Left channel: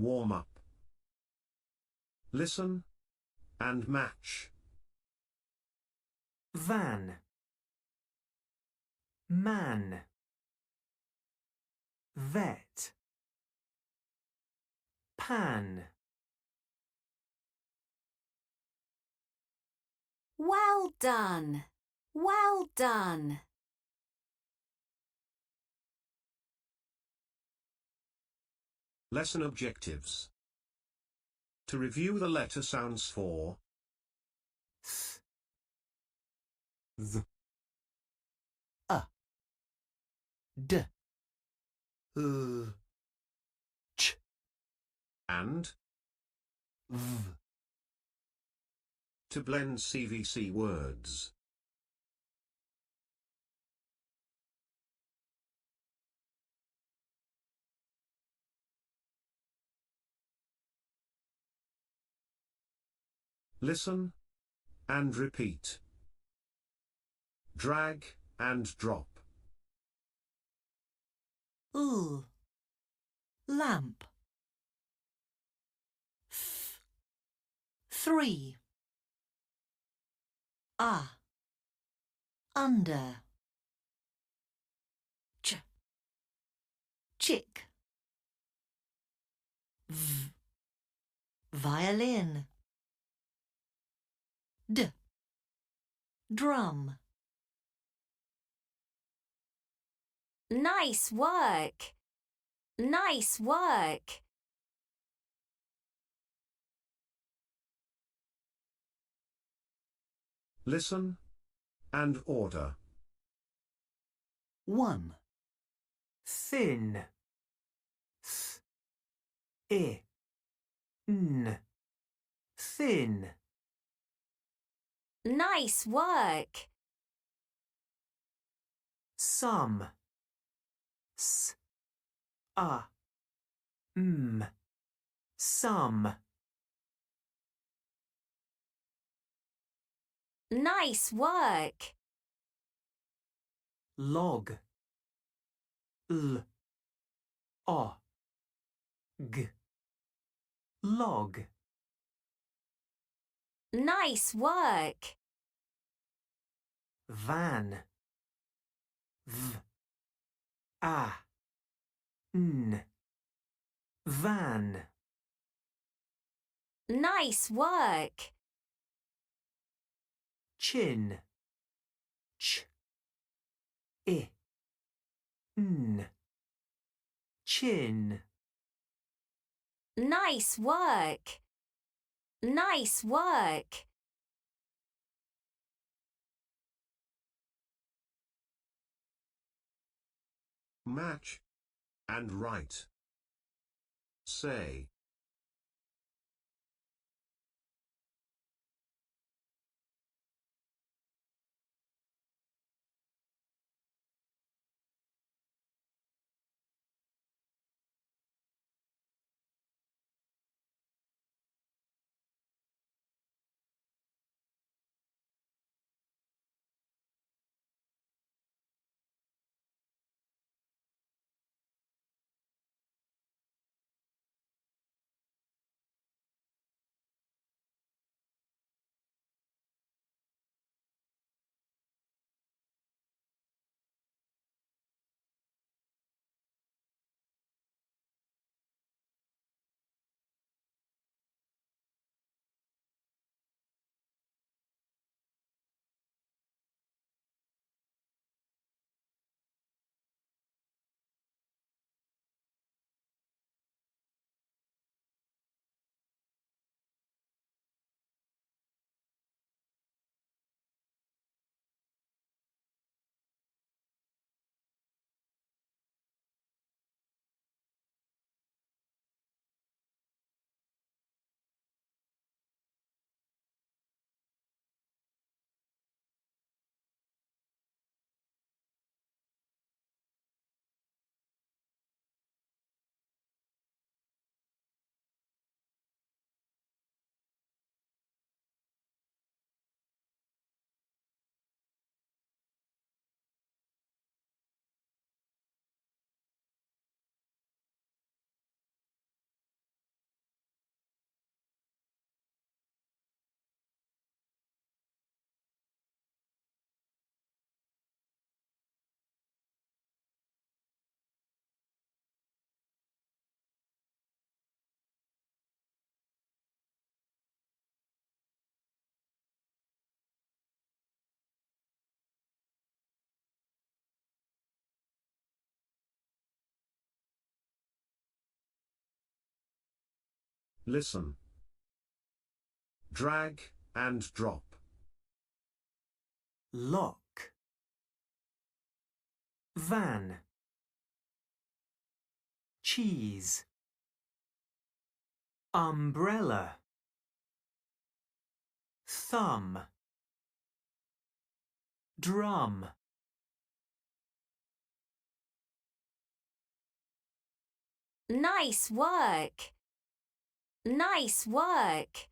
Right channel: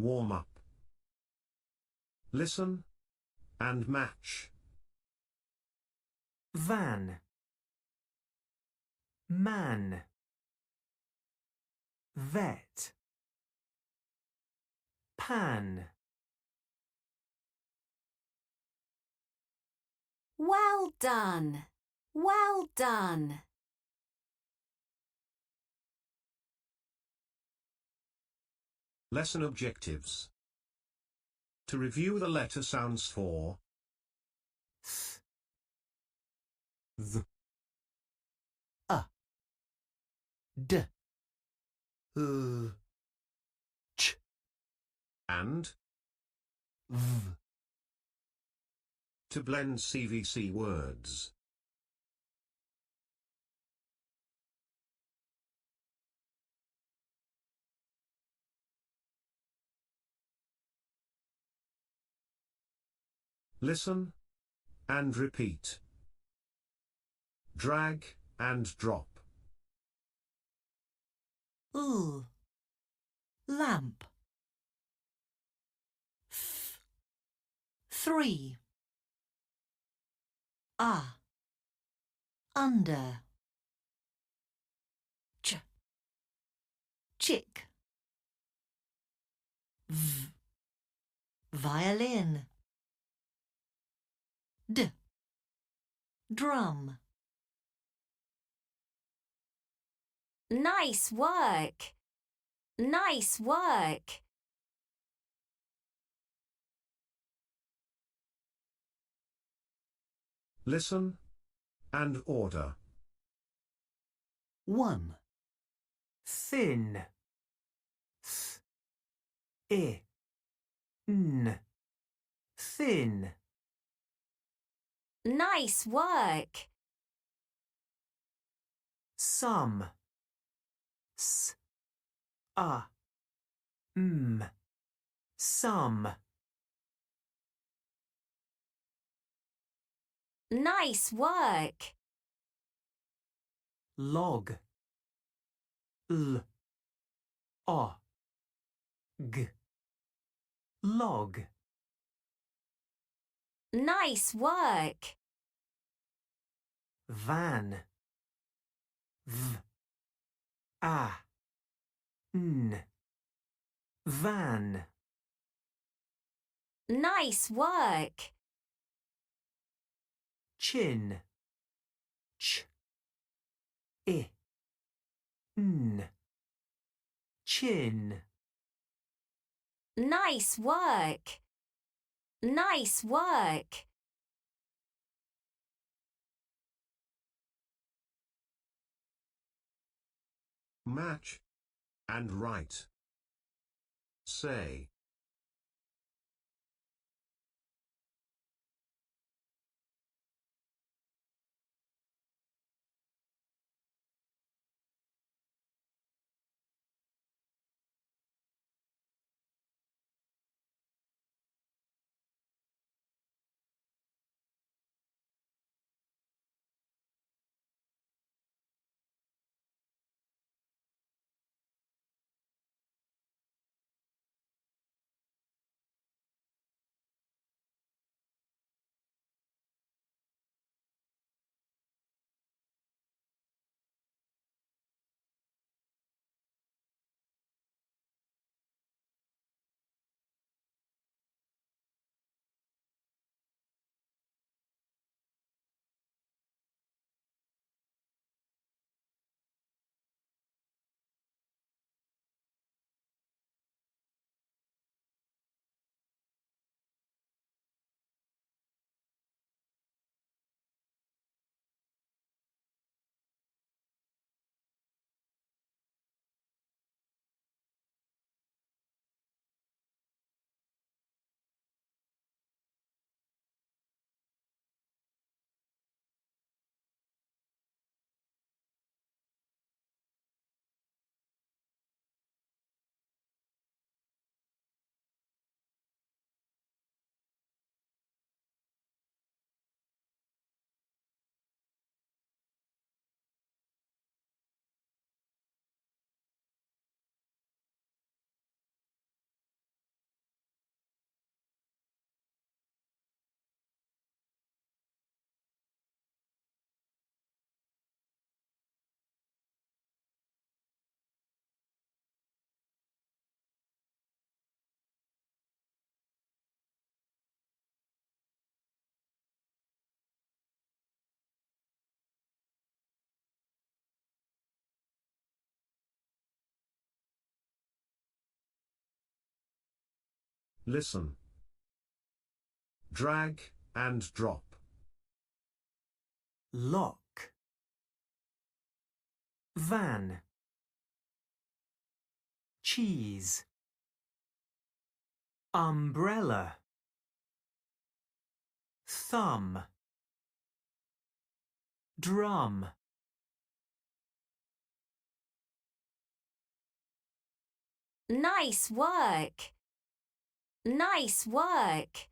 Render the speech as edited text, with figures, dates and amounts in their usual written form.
Warm up. Listen and match. Van, man, vet, pan. Well done. Well done. Lesson objectives. To review the letter sounds for Th, a, d, ch, and v. to blend CVC words. Listen and repeat. Drag and drop. Lamp. 3. Under. Chick. Violin. Drum. Nice work. Nice work. Listen and order. 1. Thin, thin. Nice work. Some, some. Nice work. Log, log. Nice work. Van, van. Nice work. Chin, chin. Nice work. Nice work. Match and write. Say. Listen. Drag and drop. Lock. Van. Cheese. Umbrella. Thumb. Drum. Nice work. Nice work.